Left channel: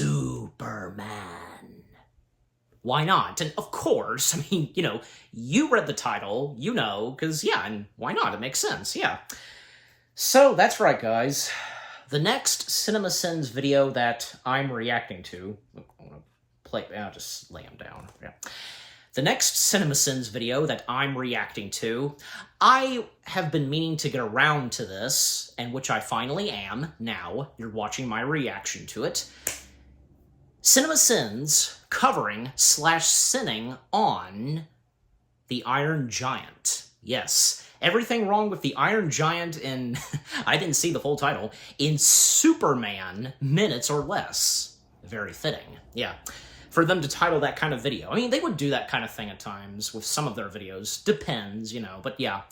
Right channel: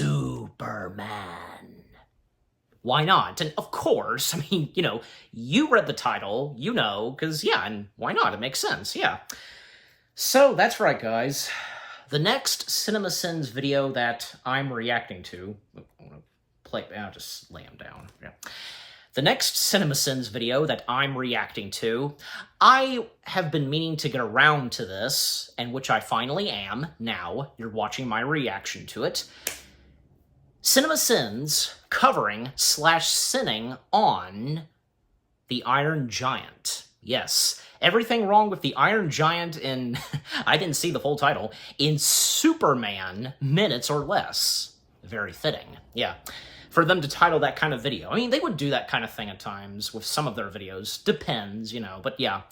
Superman. Why not? And of course, I mean, you read the title, because, yeah, and why not? It makes sense, yeah. So, that's right, guys. The next CinemaSins video that I'm reacting to... I want to play... I'll just lay him down, yeah. The next CinemaSins video that I'm reacting to, I have been meaning to get around to this, and which I finally am. Now, you're watching my reaction to it. CinemaSins covering / sinning on the Iron Giant. Yes, everything wrong with the Iron Giant in, I didn't see the full title, in Superman Minutes or Less. Very fitting, yeah. For them to title that kind of video. I mean, they would do that kind of thing at times with some of their videos. Depends, but yeah.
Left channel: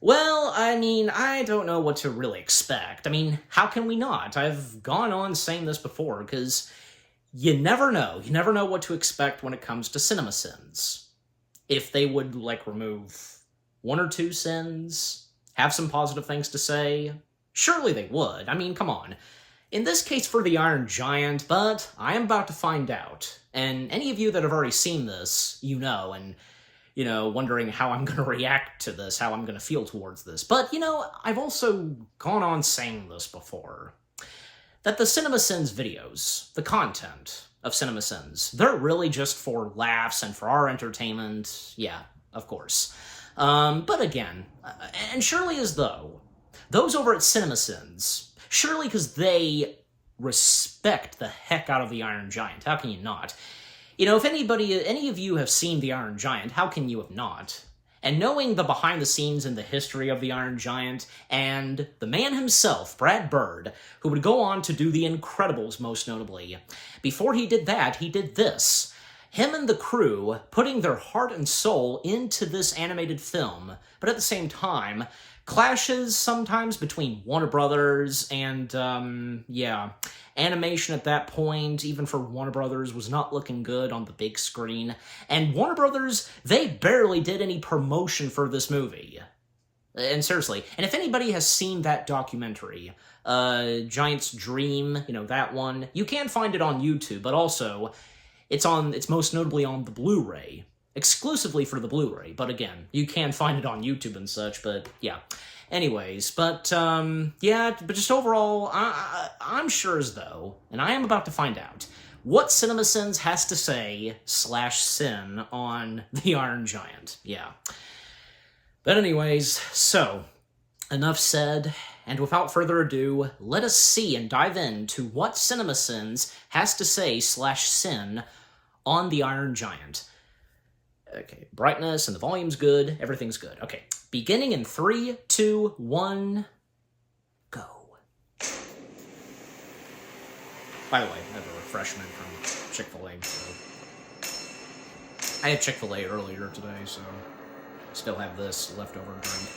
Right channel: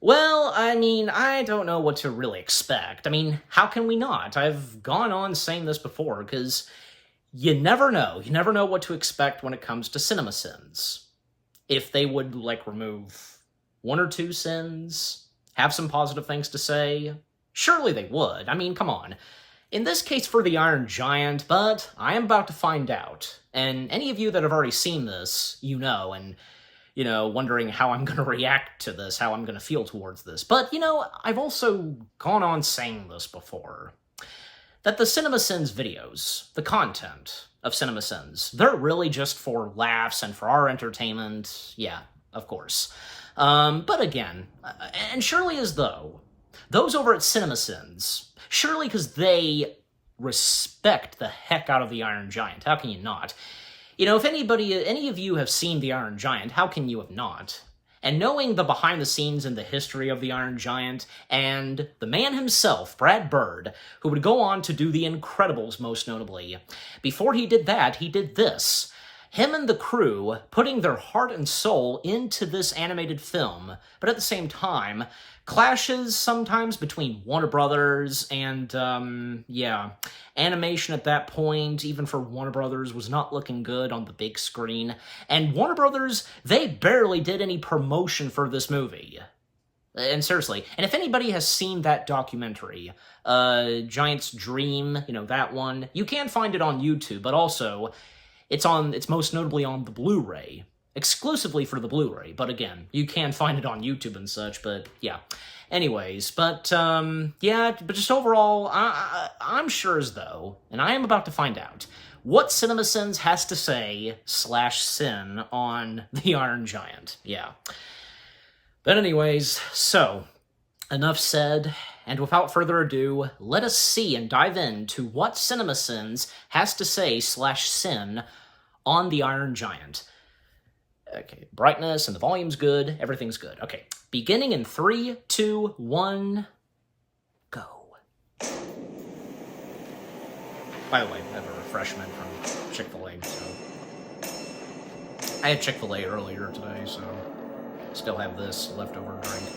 Well, I mean, I don't know what to really expect. I mean, how can we not? I've gone on saying this before, because you never know. You never know what to expect when it comes to CinemaSins. If they would, remove one or two sins, have some positive things to say, surely they would. I mean, come on. In this case for the Iron Giant, but I am about to find out. And any of you that have already seen this, and, wondering how I'm going to react to this, how I'm going to feel towards this. But, I've also gone on saying this before. That the CinemaSins videos, the content of CinemaSins, they're really just for laughs and for our entertainment. Yeah, of course. But again, and surely as though, those over at CinemaSins, surely because they respect the heck out of the Iron Giant. How can you not? If any of you have seen the Iron Giant, how can you have not? And knowing the behind-the-scenes and the history of the Iron Giant, and the man himself, Brad Bird, who would go on to do The Incredibles most notably, before he did that, he did this. Him and the crew putting their heart and soul into this animated film, but at the same time, clashes sometimes between Warner Brothers and, animation at that point, even for Warner Brothers, was not looking good on the big screen. And Warner Brothers, they barely did any promotion for this movie. And seriously, and if anybody has seen that documentary, Giant's Dream, that one, you can find it on YouTube, but also, it's most notably on the Blu-ray. Exclusively for the Blu-ray, but again, you can find it on YouTube and such, but yeah. Anyways, but just overall, I'm sure as though, and I am about to find out, what CinemaSins has to say / sin on the Iron Giant. Yeah. But anyways, so, enough said, and without further ado, let us see and dive into what CinemaSins has to say / sin on the Iron Giant. Okay, brightness and the volume's good, everything's good. Okay, beginning in 3, 2, 1, go. By the way, I have a refreshment from Chick-fil-A, so... I had Chick-fil-A earlier today, so... still have this leftover drink.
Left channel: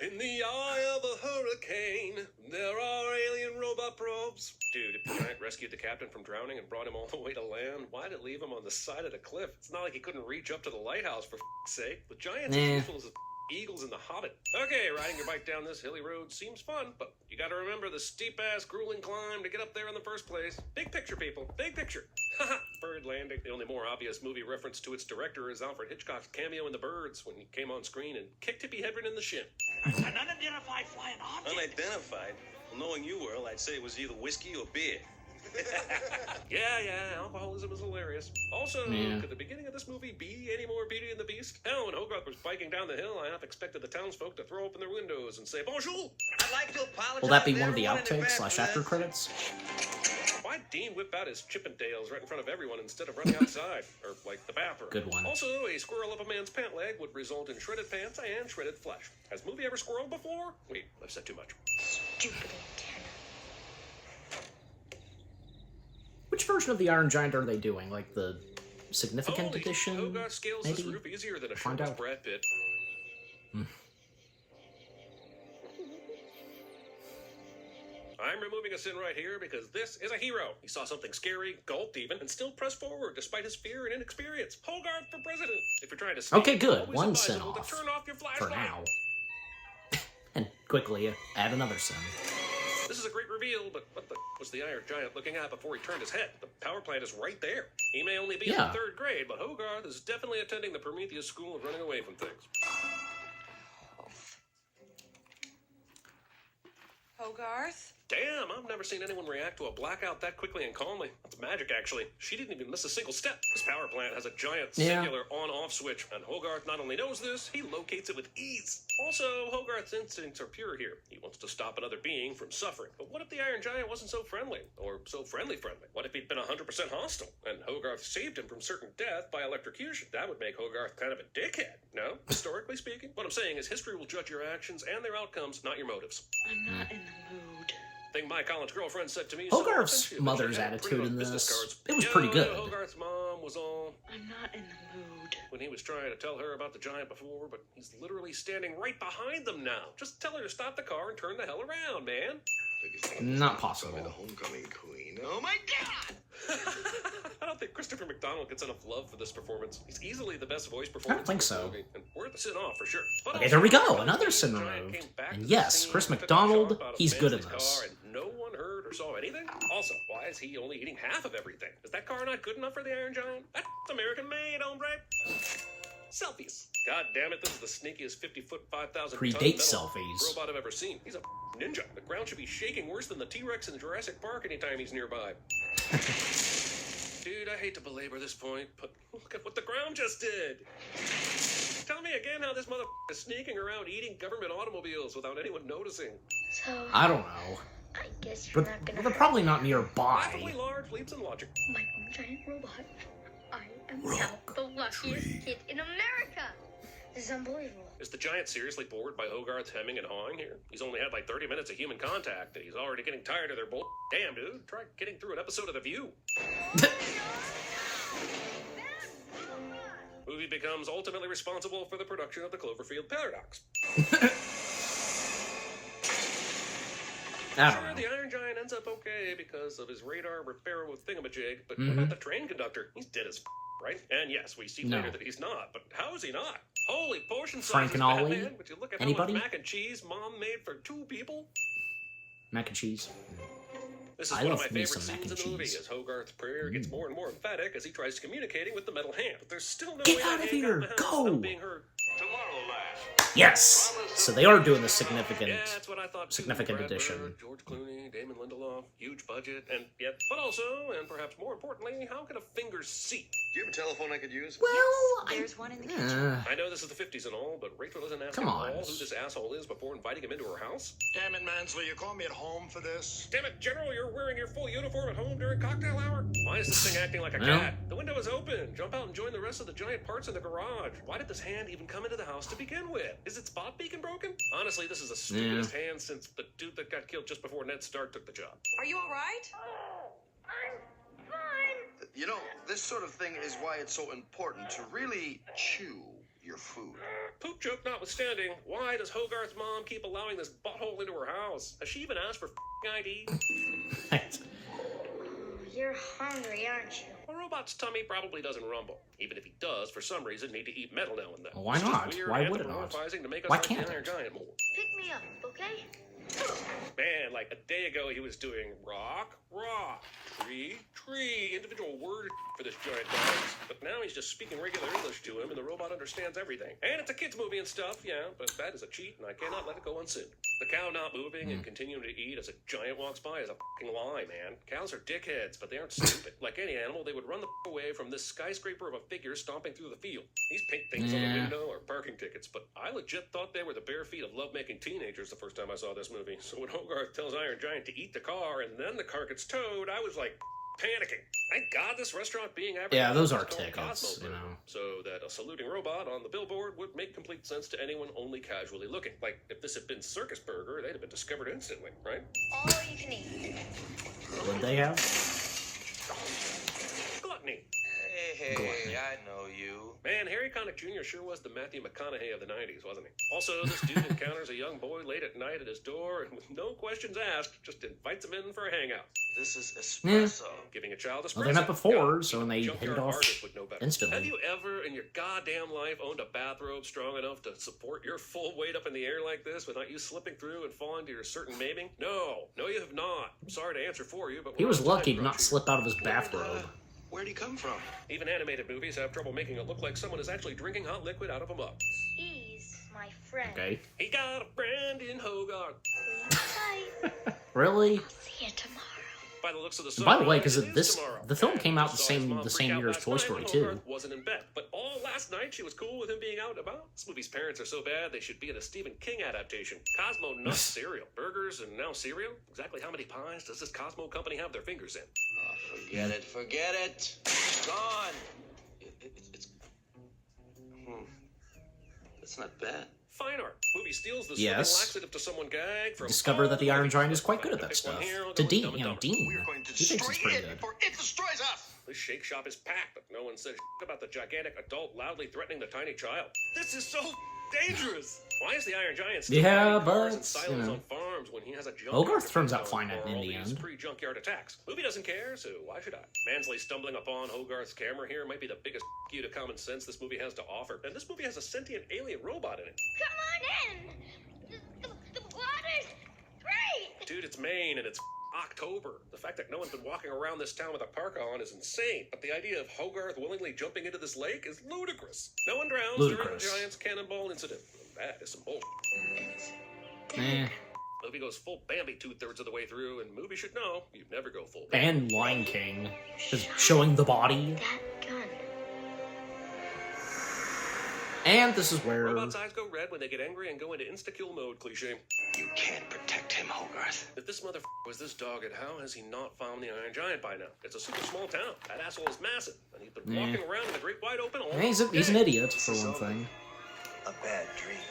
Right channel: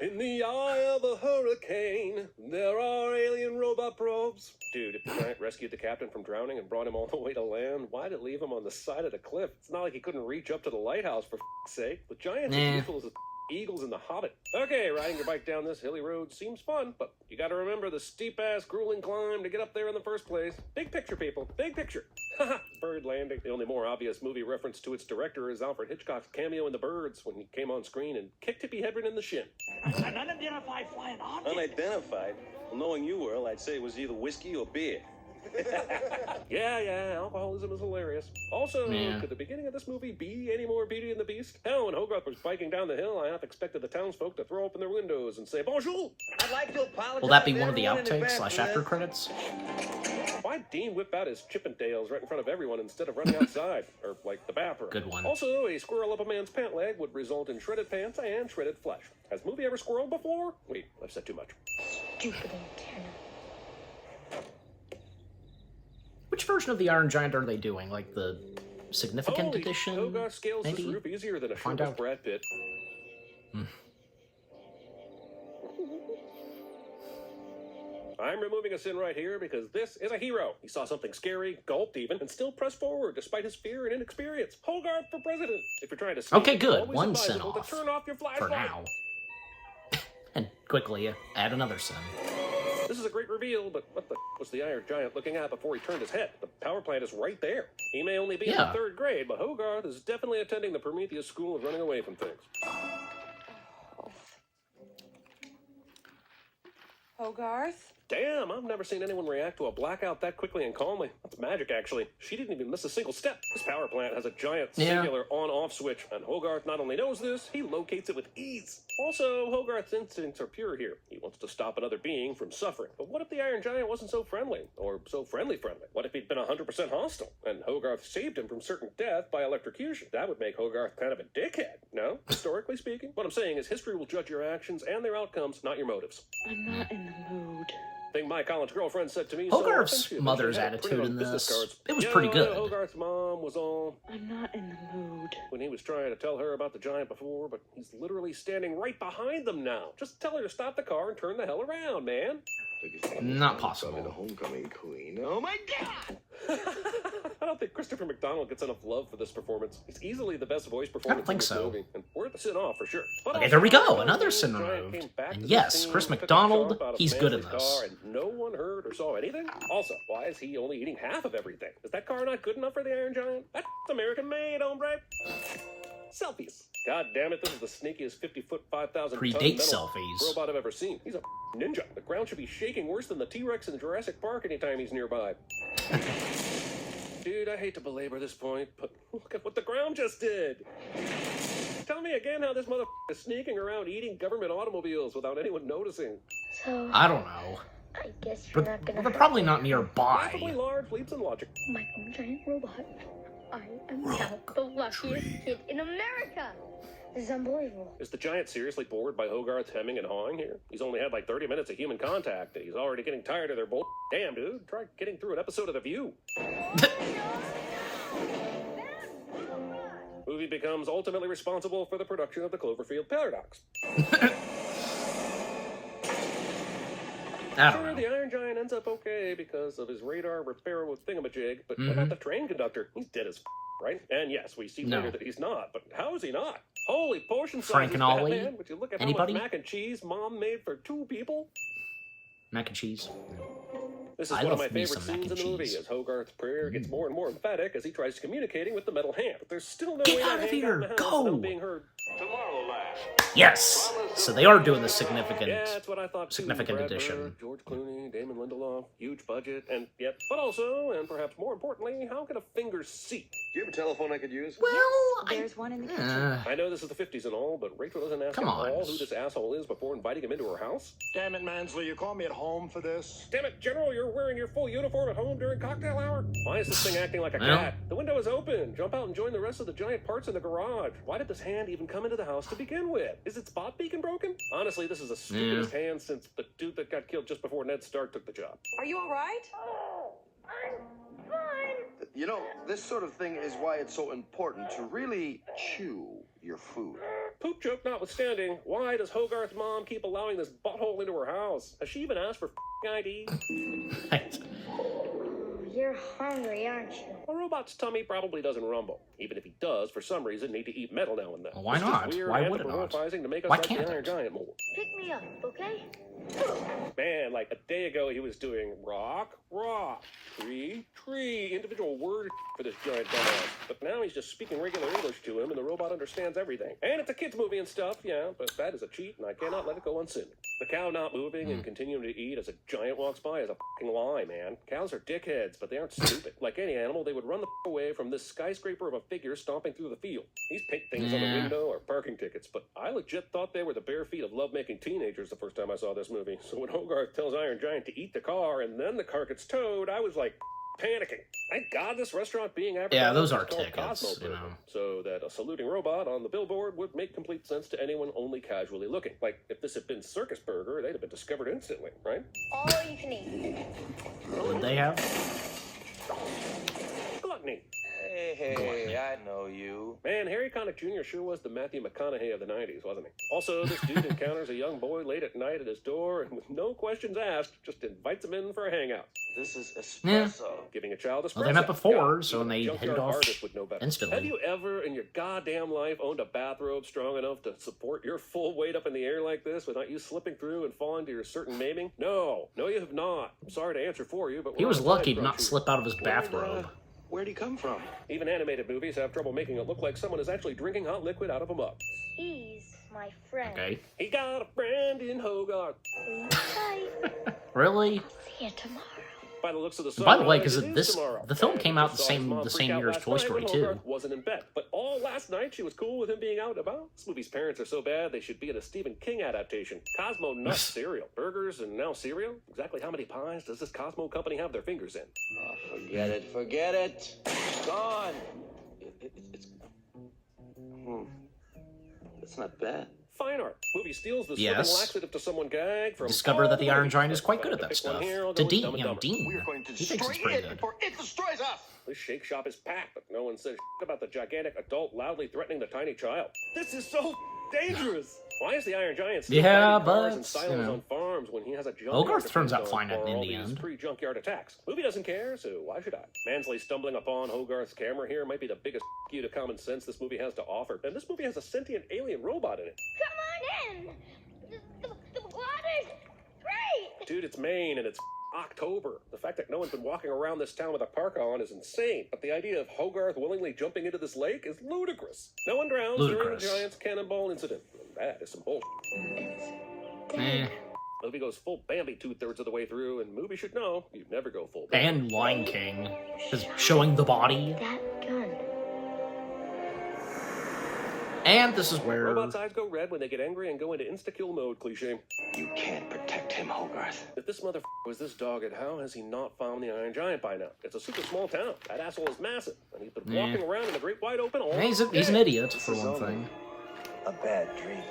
In the eye of a hurricane, there are alien robot probes. Dude, if the giant rescued the captain from drowning and brought him all the way to land, why'd it leave him on the side of the cliff? It's not like he couldn't reach up to the lighthouse, for f***'s sake. The giant's as useful as the eagles in The Hobbit. Okay, riding your bike down this hilly road seems fun, but you gotta remember the steep-ass, grueling climb to get up there in the first place. Big picture, people. Big picture. Haha, Bird Landing. The only more obvious movie reference to its director is Alfred Hitchcock's cameo in The Birds when he came on screen and kicked Tippi Hedren in the shin. An unidentified flying object. Unidentified? Well, knowing you, Earl, I'd say it was either whiskey or beer. Yeah, alcoholism is hilarious. Also, could the beginning of this movie be any more Beauty and the Beast? Hell, when Hogarth was biking down the hill, I half expected the townsfolk to throw open their windows and say, bonjour! I'd like to apologize. Will that be one of the outtakes / after credits? Why'd Dean whip out his Chippendales right in front of everyone instead of running outside? Or, the bathroom? Good one. Also, a squirrel up a man's pant leg would result in shredded pants and shredded flesh. Has movie ever squirreled before? Wait, I've said too much. Stupid antenna. Which version of the Iron Giant are they doing? The significant Holy, edition? Hogarth scales maybe? this roof easier than a Find shirtless out. Brad Pitt. I'm removing a sin right here because this is a hero. He saw something scary, gulped even, and still pressed forward despite his fear and inexperience. Hogarth for president. If you're trying to Okay, speak, good. always One advisable sin to off. turn off your For flashlight. now. And quickly add another sin. This is a great great reveal, but what the was the Iron Giant looking at before he turned his head? The power plant is right there. He may only be in Yeah. the 3rd grade, but Hogarth is definitely attending the Prometheus School of running away from things. Hogarth? Damn, I've never seen anyone react to a blackout that quickly and calmly. That's magic, actually. She didn't even miss a single step. This power plant has a giant Yeah. singular on-off switch, and Hogarth not only knows this, he locates it with ease. Also, Hogarth's instincts are pure here. He wants to stop another being from suffering. But what if the Iron Giant wasn't so friendly? Or so friendly? What if he'd been 100% hostile, and Hogarth saved him from certain death by electrocution? That would make Hogarth kind of a dickhead, no? Historically speaking? What I'm saying is history will judge your actions and their outcomes, not your motives. I'm not in the mood. Thing my college girlfriend said to me. Hogarth's so mother's she had attitude in business this, cards. it was Yeah, pretty good. Hogarth's mom was all I'm not in the mood. when he was trying to tell her about the giant before, but he's literally standing right behind them now. Just tell her to stop the car and turn the hell around, man. Not possible. Homecoming queen. Oh my god! I don't think Christopher McDonald gets enough love for this performance. He's easily the best voice performance. think in this so. movie, and worth a sit off for sure. But Okay, also, there we go. the Another Giant sin came removed. back And to the yes, scene, Chris took a McDonald, sharp out of he's good in Mansley's this. car, and no one heard or saw anything. Also, why is he only eating half of everything? Is that car not good enough for the Iron Giant? That's American made, hombre. Selfies. God damn it, this is the sneakiest 50-foot, 5,000 Predate selfies. robot I've ever seen. He's a ninja. The ground should be shaking worse than the T-Rex in Jurassic Park anytime he's nearby. Dude, I hate to belabor this point, but look at what the ground just did. Tell me again how this motherfucker is sneaking around eating government automobiles without anyone noticing. So, I don't know. I guess you're But not but gonna they're hurt probably not Laughably nearby. large leaps in logic. my own giant robot. I am Rock not the luckiest tree. kid in America. This is unbelievable. Is the giant seriously bored by Hogarth's hemming and hawing here? He's only had like 30 minutes of human contact, and he's already getting tired of their bull. Damn, dude. Try getting through an episode of The View. Movie becomes ultimately responsible for the production of the Cloverfield Paradox. I don't Sure, know. the Iron Giant ends up okay because of his radar repair with thingamajig, but Mhm. what about the train conductor? He's dead as right? And yes, we see No. later that he's not, but how is he not? Holy portion size, Frank he's and Ollie? Batman, but you look at Anybody? how much mac and cheese mom made for 2 people. Mac and cheese. This is I one love of my me favorite some mac scenes and in the movie, cheese. as Hogarth's prayer gets more and more emphatic as he tries communicating with the metal hand. But there's still no Get way out to of hang here, out in the house go! without being heard. Yes! So they are doing the Yeah, significant. that's what I thought. too. significant Brad Pitt, addition. George Clooney, Damon Lindelof, huge budget, and yet, but also, and perhaps more importantly, how can a finger see? Do you have a telephone I could use? Well, There's one in the kitchen. I know this is the 50s and all, but Rachel doesn't ask Come at on. all who this asshole is before inviting him into her house. Damn it, Mansley, you call me at home for this? Damn it, General, you're wearing your full uniform at home during cocktail hour? Why is this thing acting like a Well. cat? The window is open. Jump out and join the rest of the giant parts in the garage. Why did this hand even come into the house to begin with? Is its spot beacon broken? Honestly, this is the stupidest hand since the dude that got killed just before Ned Stark took the job. Are you all right? You know, this sort of thing is why it's so important to really chew your food. Poop joke notwithstanding, why does Hogarth's mom keep allowing this butthole into her house? Has she even asked for ID? right. You're hungry, aren't you? A robot's tummy probably doesn't rumble. Even if he does, for some reason, need to eat metal now and then. Well, why It's just not? weird Why would it not? anthropomorphizing to make us Why like the can't Iron it? Giant more. Pick me up, okay? Man, like a day ago, he was doing rock, tree, individual word for this giant guy. But now he's just speaking regular English to him, and the robot understands everything. And it's a kid's movie and stuff, yeah, but that is a cheat, and I cannot let it go unseen. The cow not moving and continuing to eat as a giant walks by is a fucking lie, man. Cows are dickheads, but they aren't stupid. Like any animal, they would run the away from this skyscraper of a figure stomping through the field. These pink things on the Yeah. window are parking tickets, but I legit thought they were the bare feet of love-making teenagers the first time I saw this movie. So when Hogarth tells Iron Giant to eat the car and then the car gets towed, I was like panicking. Thank God this restaurant being advertised Yeah, those is are called tickets, Cosmo you Burger, know. so that a saluting robot on the billboard would make complete sense to anyone only casually looking. Like, if this had been Circus Burger, they'd have been discovered instantly, right? All you can eat. Would they have? Gluttony. Hey, Gluttony. I know you. Man, Harry Connick Jr. sure was the Matthew McConaughey of the 90s, wasn't he? Also, this dude encounters a young boy late at night at his door and with no questions asked, just invites him in for a hangout. This is Yeah. espresso. Giving a child espresso. Well, they met before, Yeah, so when they junkyard hit it off artist would know better. Have instantly. you ever in your goddamn life owned a bathrobe strong enough to support your full weight up in the air like this without you slipping through and falling to your certain maiming? No, you have not. I'm sorry to answer for you, but He we're was out of lucky time, to not aren't you? slip out of his bathrobe. Where'd he come from? Even animated movies have trouble making it look like someone is actually drinking hot liquid out of a mug. He's my friend. Okay. He got a friend in Hogarth. Bye. Really? See you tomorrow. By the looks of the And by the sun, way, it because is this tomorrow. the film came out the Saw his mom same freak out year as last Toy night Story when 2. Hogarth wasn't in bed, but all last night she was cool with him being out and about. This movie's parents are so bad they should be in a Stephen King adaptation. Cosmo nuts cereal, burgers, and now cereal. Exactly how many pies does this Cosmo company have their fingers in? Forget it. Forget it. Gone. It's not bad. Fine art. Movie steals the Yes. soothing laxative to someone gag from Discover that the all Iron Giant is movies. quite good at that Pick one stuff. here, I'll To go Dean, Dumb you know, and Dumber. Dean, We're going to he thinks it's destroy pretty it good. before it destroys us. This shake shop is packed, but no one says about the gigantic adult loudly threatening the tiny child. This is so dangerous. Why is the Iron Giant still Yeah, fighting cars and but, silos you know. on farms when he has a junkyard Hogarth to turns fend out on fine for in all the these end. Pre-junkyard attacks. Movie doesn't care, so why should I? Mansley stumbling upon Hogarth's camera here might be the biggest you to common sense this movie has to offer. And this movie has a sentient alien robot in it. Come on in. The water's great. Dude, it's Maine and it's October. The fact that no one's been walking around this town with a parka on is insane. But the idea of Hogarth willingly jumping into this lake is ludicrous. No one drowns during the Ludicrous. Giant's cannonball incident. And that is some bullshit. Eh. Movie goes full Bambi 2/3 of the way through, and movie should know you never go full Bambi. And Lion King is showing the body. That gun. And this is where Robots' eyes go red when they get angry and go into insta-kill mode, cliche. You can't protect him, Hogarth. If this motherfucker was this dogged, how has he not found the Iron Giant by now? It's a super small town. That asshole is massive, and he's been Yeah. walking around in the great wide open all he's an day. idiot for one thing. A bad dream.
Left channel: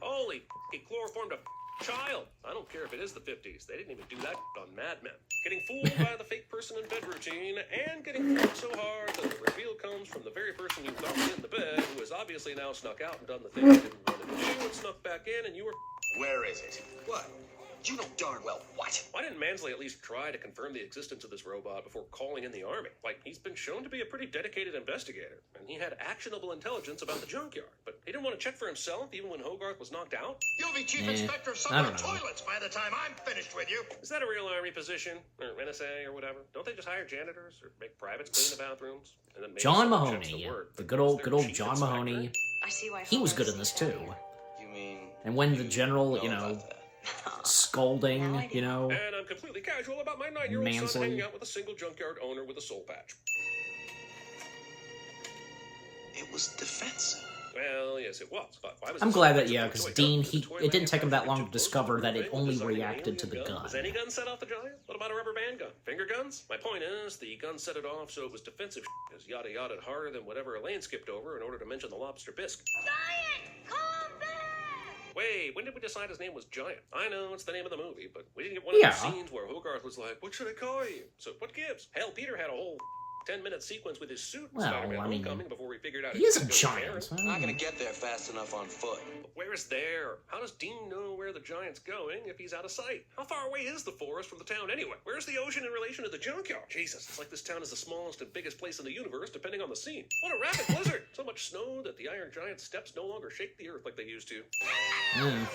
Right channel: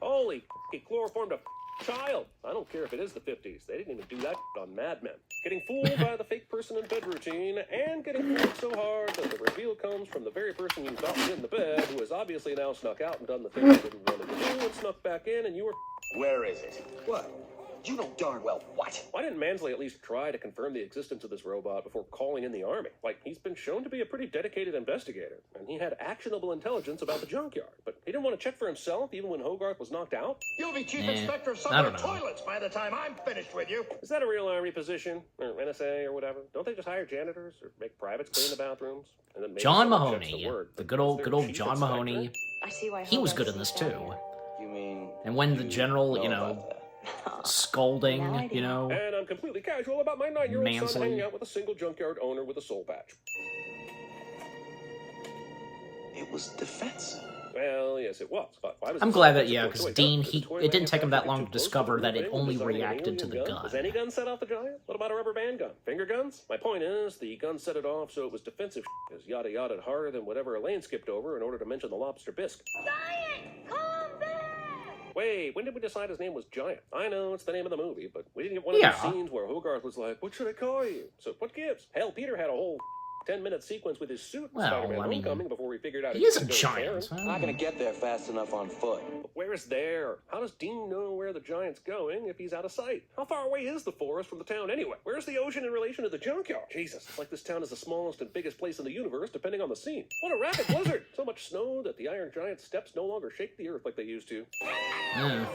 Holy, he chloroformed a child. I don't care if it is the 50s. They didn't even do that on Mad Men. Getting fooled by the fake person in bed routine, and getting fooled so hard that the reveal comes from the very person you left in the bed, who has obviously now snuck out and done the thing you didn't want to do, and snuck back in, and you were... Where is it? What? You know darn well what? Why didn't Mansley at least try to confirm the existence of this robot before calling in the army? Like, he's been shown to be a pretty dedicated investigator, and he had actionable intelligence about the junkyard, but he didn't want to check for himself even when Hogarth was knocked out? You'll be chief Eh, inspector of some I of don't the know. toilets by the time I'm finished with you. Is that a real army position? Or NSA or whatever? Don't they just hire janitors or make privates clean the bathrooms? And then maybe John someone checks Mahoney, word. the good old Chief John inspector? Mahoney. I see why He was Hogarth good in this sees that too. here. You mean... And when the general, know you know, about that? scolding, you know, And I'm completely casual about my 9-year-old son Mansley. hanging out with a single junkyard owner with a soul patch. It was defensive. Well, yes, it was. But why was I'm it glad so that, yeah, toy because gun? Dean, Was the toy it didn't gun take him that long too to close discover the that it thing? only Was there an reacted to the alien gun. Was any gun set off the giant? What about a rubber band gun? Finger guns? My point is, the gun set it off so it was defensive because yada yada harder than whatever Elaine skipped over in order to mention the lobster bisque. Giant, come back. Wait, when did we decide his name was Giant? I know it's the name of the movie, but we didn't get one of Yeah. those scenes where Hogarth was like, "What should I call you?" So what gives? Hell, Peter had a whole 10-minute sequence with his suit. in Well, Spider-Man I mean, Homecoming before we figured out he is a it was giant. there. Not gonna get there fast enough on foot. But where's there? How does Dean know where the giant's going if he's out of sight? How far away is the forest from the town anyway? Where's the ocean in relation to the junkyard? Jesus, it's like this town is the smallest and biggest place in the universe, depending on the scene. What a rapid blizzard! So much snow that the Iron Giant's steps no longer shake the earth like they used to. Yeah.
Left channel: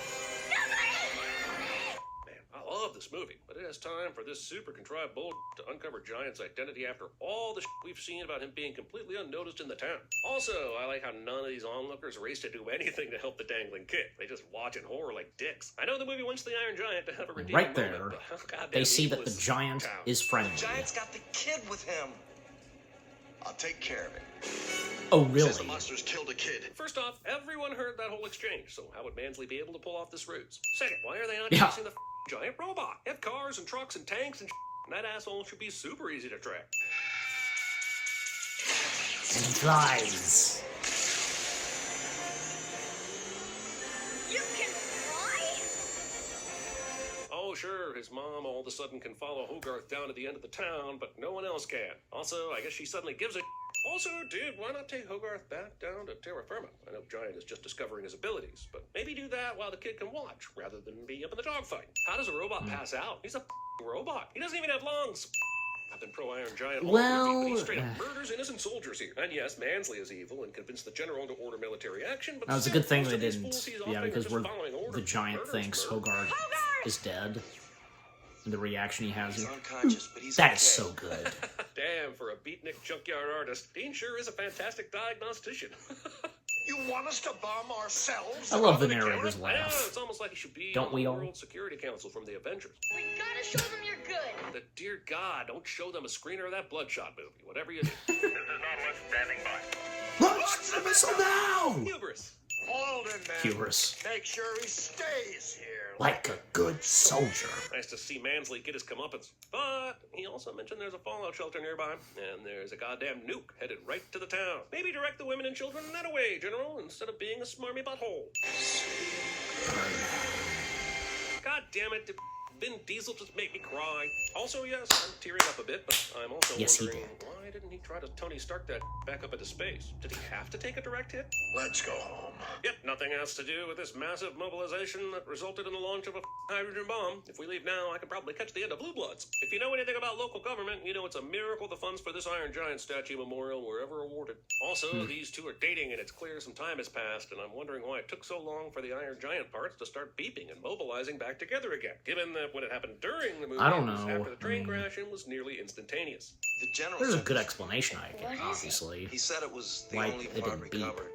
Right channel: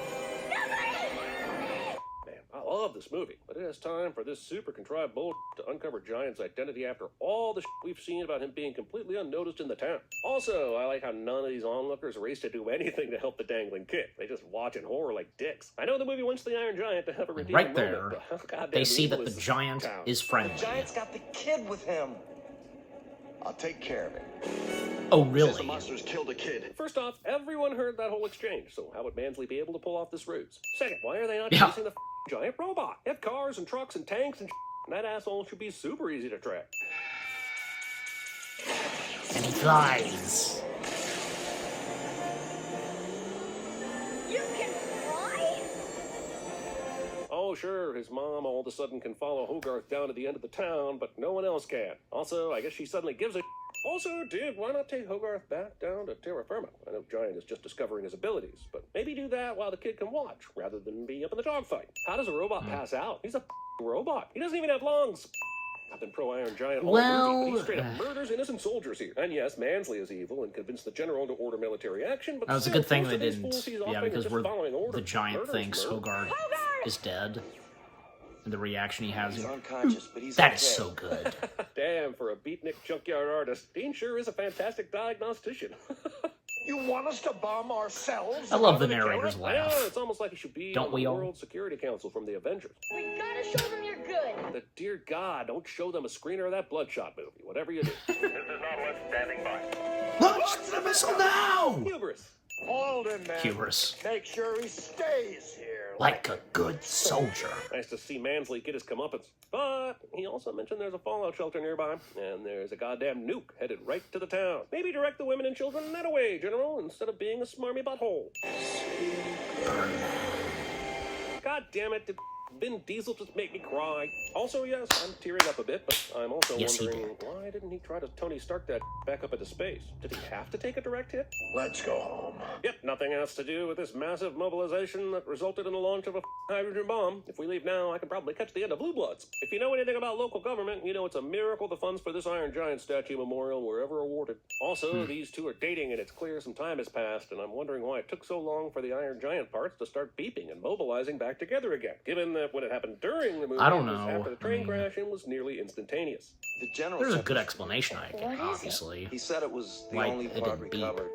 Man, I love this movie, but it is time for this super contrived bull to uncover Giant's identity after all the we've seen about him being completely unnoticed in the town. Also, I like how none of these onlookers race to do anything to help the dangling kid. They just watch in horror like dicks. I know the movie wants the Iron Giant to have a redeeming right moment, there, but how goddamn they see evil that the is giant town? is friendly. Giant's got the kid with him. I'll take care of it. Oh, Says the really? monsters killed a kid. First off, everyone heard that whole exchange, so how would Mansley be able to pull off this ruse? Second, why are they not Yeah. chasing the giant robot? They have cars and trucks and tanks and and that asshole should be super easy to track. And he flies. You can fly? Oh, sure, his mom all of a sudden can follow Hogarth down to the end of the town, but no one else can. Also, I guess she suddenly gives a Also, dude, why not take Hogarth back down to terra firma? I know Giant is just discovering his abilities, but maybe do that while the kid can watch, rather than be up in the dogfight. How does a robot pass out? He's a robot. He doesn't even have lungs. I've been pro-Iron Giant all Well, movie. He straight up murders innocent soldiers here. And yes, Mansley is evil and convinced the general to order military action, but that was a still, good thing most they of these didn't. fools he's Yeah, often because just we're following orders. the Giant Murders, thinks murder. Hogarth is dead, and the reaction he has. He's unconscious, but he's That okay. is so good. Damn, for a beatnik junkyard artist, Dean sure is a fantastic diagnostician. You want us to bomb ourselves? I love the narrator's Yeah, laugh. it's almost like he should be Don't on we the all? World Security Council from the Avengers. We gotta show them you're good. But dear God, don't show them a screener of that Bloodshot movie, whatever you do. Launch the missile now! Hubris. Hold him, man. Hubris. Make sure he stays here. Like a good soldier. Nice to see Mansley get his comeuppance. But he also mentioned there's a fallout shelter nearby, and there's a goddamn nuke headed right to the town. Maybe direct the women and children that away, General, instead of being a smarmy butthole. God damn it, did Vin Diesel just make me cry? Also, yes, I'm tearing up a bit, but I'm also Yes, he wondering, did. why didn't he try to Tony Stark that back up into space? Did he have to take a direct hit? Let's go home. Yet nothing has to do with this massive mobilization that resulted in the launch of a hydrogen bomb. If we leave now, I could probably catch the end of Blue Bloods. If you know anything about local government, you know it's a miracle the funds for this Iron Giant statue memorial were ever awarded. Also, these two are dating, and it's clear some time has passed, and I'm wondering why it took so long for the Iron Giant parts to start beeping and mobilizing back together again, given that when it happened during the movie, I don't it was know. after the train crash and was nearly instantaneous. The general There's a said good this- explanation, I guess, obviously. He said it was the Like, only it part didn't beep. recovered.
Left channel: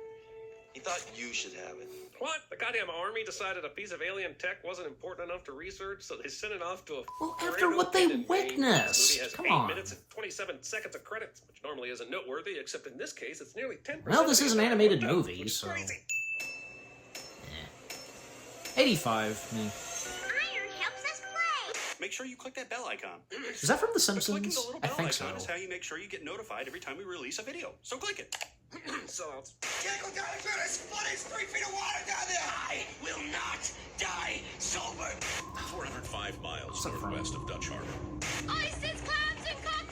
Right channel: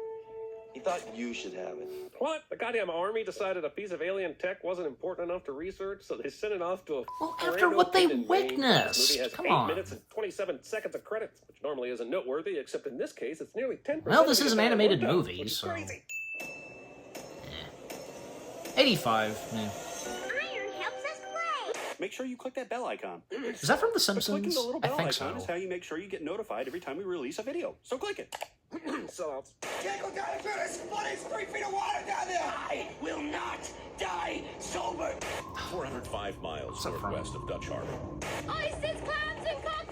He thought you should have it. What? The goddamn army decided a piece of alien tech wasn't important enough to research, so they sent it off to a... Well, after what they witnessed. This movie has Come 8 on. minutes and 27 seconds of credits, which normally isn't noteworthy, except in this case, it's nearly 10%. Well, this is an animated Which movie, is so... crazy. 85. Yeah. Iron helps us play. Make sure you click that bell icon. Is that from The Clicking Simpsons? the little I bell think icon so. is how you make sure you get notified every time we release a video. So click it. Sellouts. Can't go down there. There's 3 feet of water down there. I will not die sober. 405 miles What's that from? west of Dutch Harbor. Ice, it's clams and cockles.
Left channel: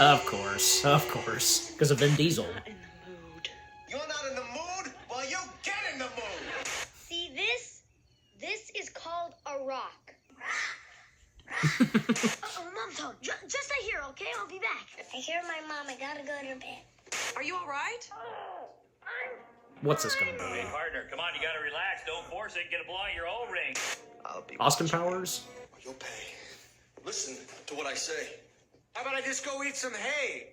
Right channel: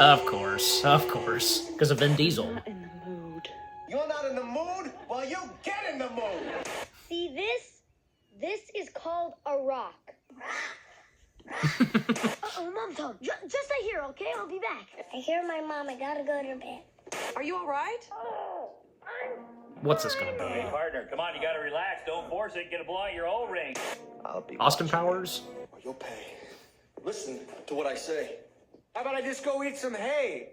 Of course. Because of Vin Diesel. You're not in the mood? Well, you get in the mood. See this? This is called a rock. Oh, Mom, just stay here, okay? I'll be back. I hear my mom. I gotta go to bed. Are you all right? What's this gonna Hey, be? partner, come on, you gotta relax. Don't force it. Get a blow out your O-ring. I'll be Austin watching. Powers? You'll pay. Listen to what I say. How about I just go eat some hay?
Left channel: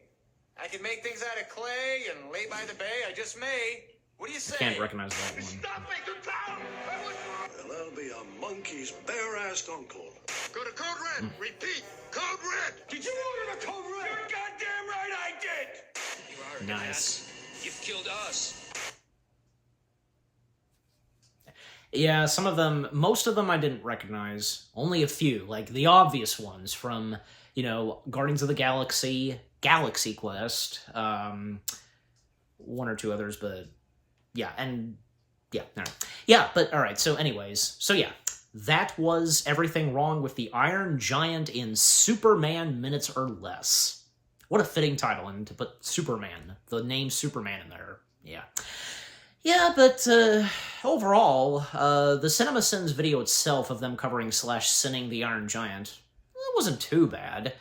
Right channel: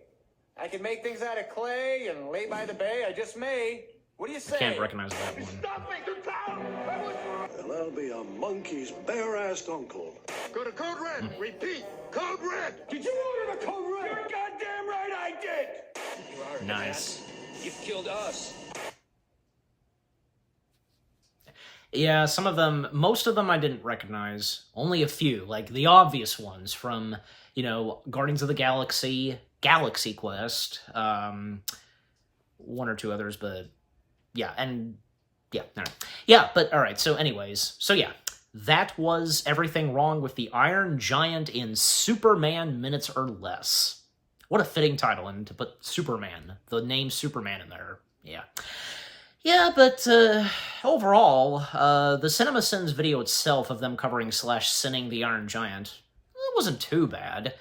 I can make things out of clay and lay by the bay. I just may. What do you say? I can't recognize that one. And I'll be a monkey's bare-assed uncle. Go to Code Red. Repeat. Code Red. Did you order the Code Red? You're goddamn right I did. Nice. You've killed us. Yeah, some of them, most of them I didn't recognize. Only a few, like the obvious ones from, you know, Guardians of the Galaxy, Galaxy Quest, one or two others, but yeah, and yeah, all right. Yeah, but all right, so anyways, so yeah, that was everything wrong with the Iron Giant in Superman Minutes or Less. What a fitting title, and to put Superman, the name Superman in there, yeah. Yeah, but overall, the CinemaSins video itself of them covering / sinning the Iron Giant, it wasn't too bad.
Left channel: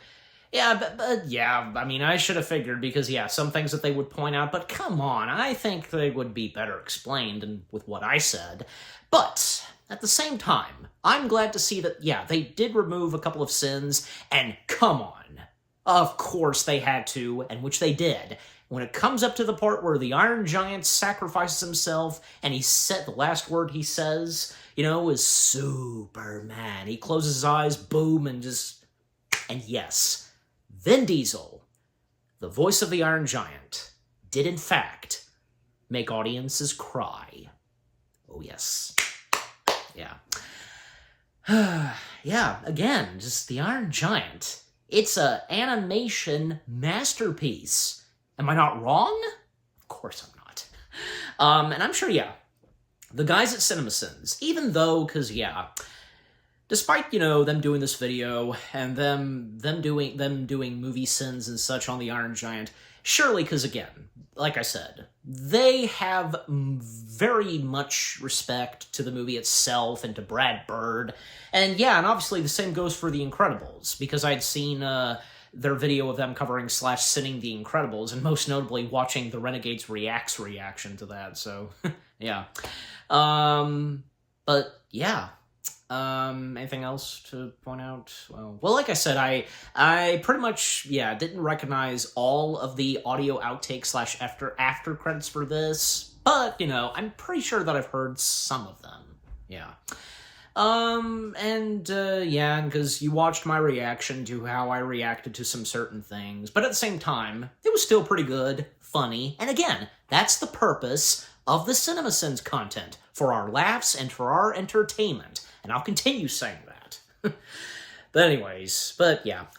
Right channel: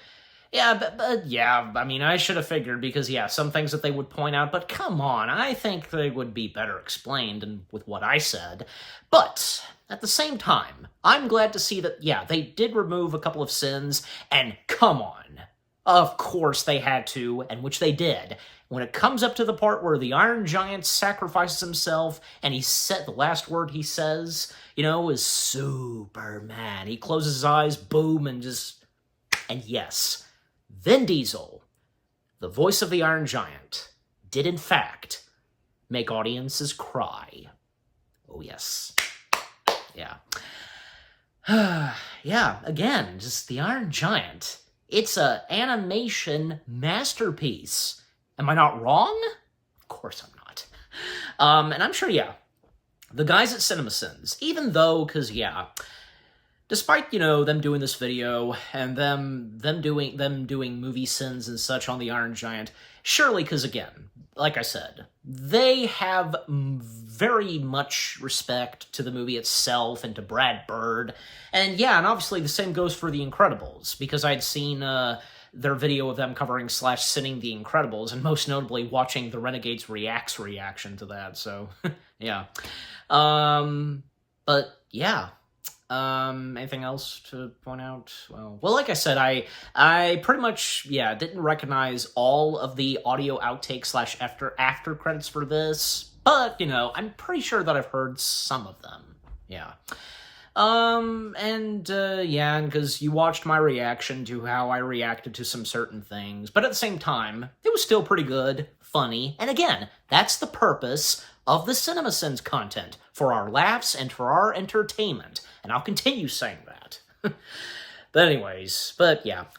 Yeah, but yeah, I mean, I should have figured because, yeah, some things that they would point out, but come on, I think they would be better explained and with what I said. But at the same time, I'm glad to see that, yeah, they did remove a couple of sins, and come on. Of course they had to, and which they did. When it comes up to the part where the Iron Giant sacrifices himself, and he said the last word he says, you know, is Superman. He closes his eyes, boom, and just... And yes, Vin Diesel, the voice of the Iron Giant, did in fact make audiences cry. Oh yes. Yeah. Yeah, again, just the Iron Giant. It's an animation masterpiece. Am I not wrong? Of course I'm not. And I'm sure, yeah, the guys at CinemaSins, even though, because, yeah, despite, them doing this video and them doing movie sins and such on the Iron Giant, surely, because again, like I said, they have very much respect to the movie itself and to Brad Bird. And yeah, and obviously the same goes for The Incredibles, because I'd seen their video of them covering / sinning The Incredibles, and most notably watching the Renegades Reacts reaction to that, so, yeah. But, yeah. Anything else to point out? Well, like I said, I pretty much, didn't recognize all of the audio outtake / after credits for this, but, I'm pretty sure that I've heard some of them. Yeah. And because you watched my reaction to how I reacted to some certain things, but at the same time, it was still pretty good, funny, and again, that's the purpose of the CinemaSins content, for our laughs and for our entertainment, and I'll continue saying that. But anyways,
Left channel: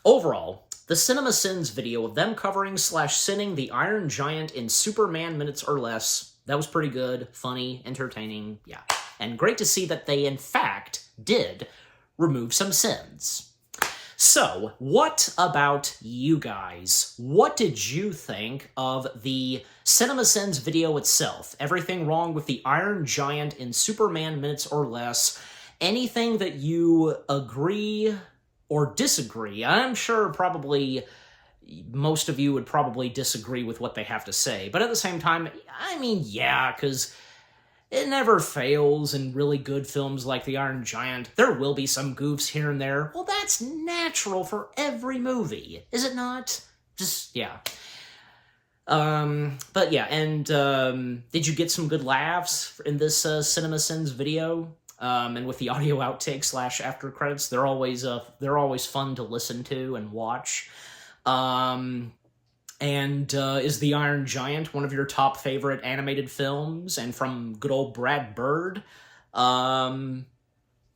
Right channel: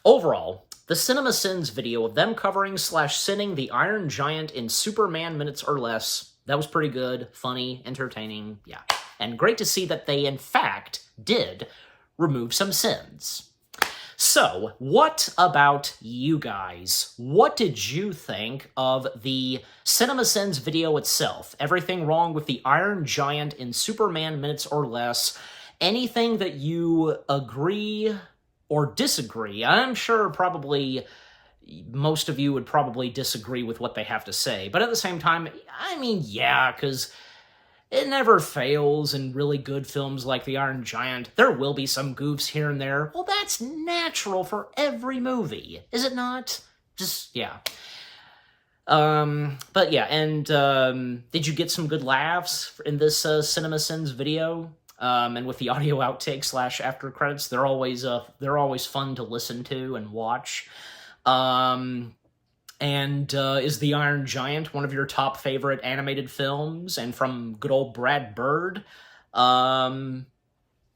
overall, the CinemaSins video of them covering / sinning the Iron Giant in Superman minutes or less, that was pretty good, funny, entertaining, and great to see that they, in fact, did remove some sins. So, what about you guys? What did you think of the CinemaSins video itself? Everything wrong with the Iron Giant in Superman minutes or less? Anything that you agree or disagree? I'm sure probably most of you would probably disagree with what they have to say, but at the same time, because it never fails in really good films like The Iron Giant. There will be some goofs here and there. Well, that's natural for every movie, is it not? Just, yeah. But yeah, and did you get some good laughs in this CinemaSins video? And with the audio outtakes / after credits, they're always fun to listen to and watch. And is The Iron Giant one of your top favorite animated films, and from good old Brad Bird? And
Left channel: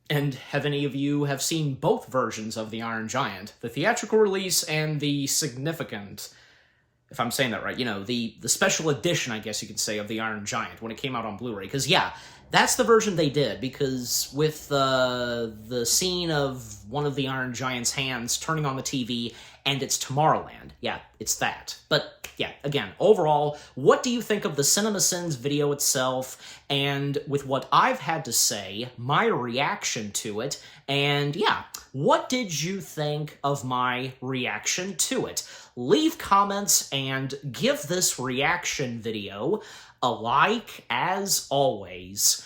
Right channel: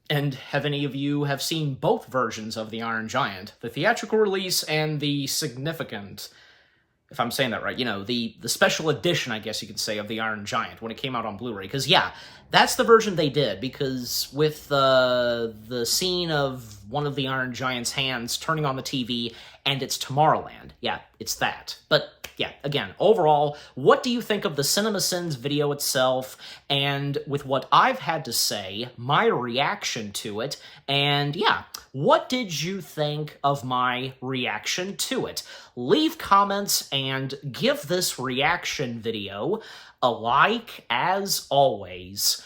have any of you have seen both versions of The Iron Giant, the theatrical release and the significant, if I'm saying that right, the special edition, I guess you could say, of The Iron Giant when it came out on Blu-ray? Because, that's the version they did, because with the scene of one of the Iron Giant's hands turning on the TV, and it's Tomorrowland. Yeah, it's that. But, again, overall, what do you think of the CinemaSins video itself, and with what I've had to say, my reaction to it, and, what did you think of my reaction to it? Leave comments and give this reaction video a like, as always.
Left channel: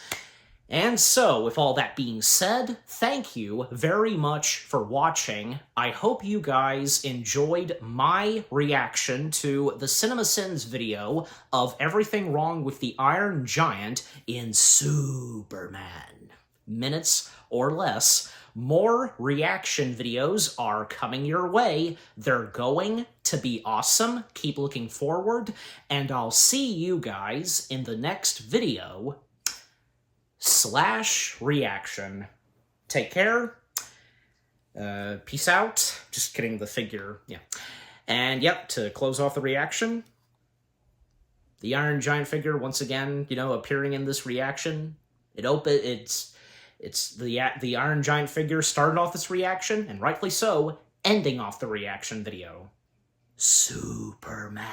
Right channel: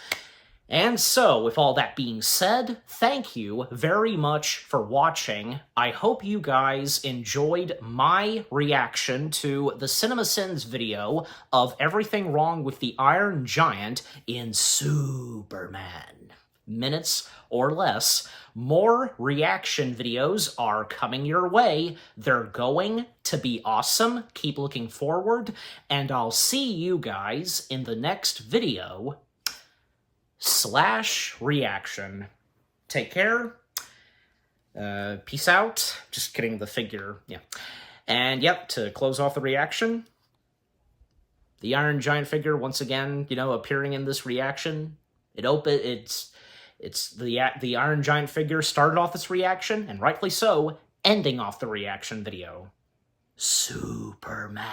And so, with all that being said, thank you very much for watching. I hope you guys enjoyed my reaction to the CinemaSins video of everything wrong with the Iron Giant in Superman minutes or less. More reaction videos are coming your way. They're going to be awesome. Keep looking forward, and I'll see you guys in the next video / reaction. Take care. Peace out. Just kidding, the figure. Yeah. And to close off the reaction, the Iron Giant figure once again, appearing in this reaction. It's the Iron Giant figure started off this reaction, and rightfully so, ending off the reaction video. Superman.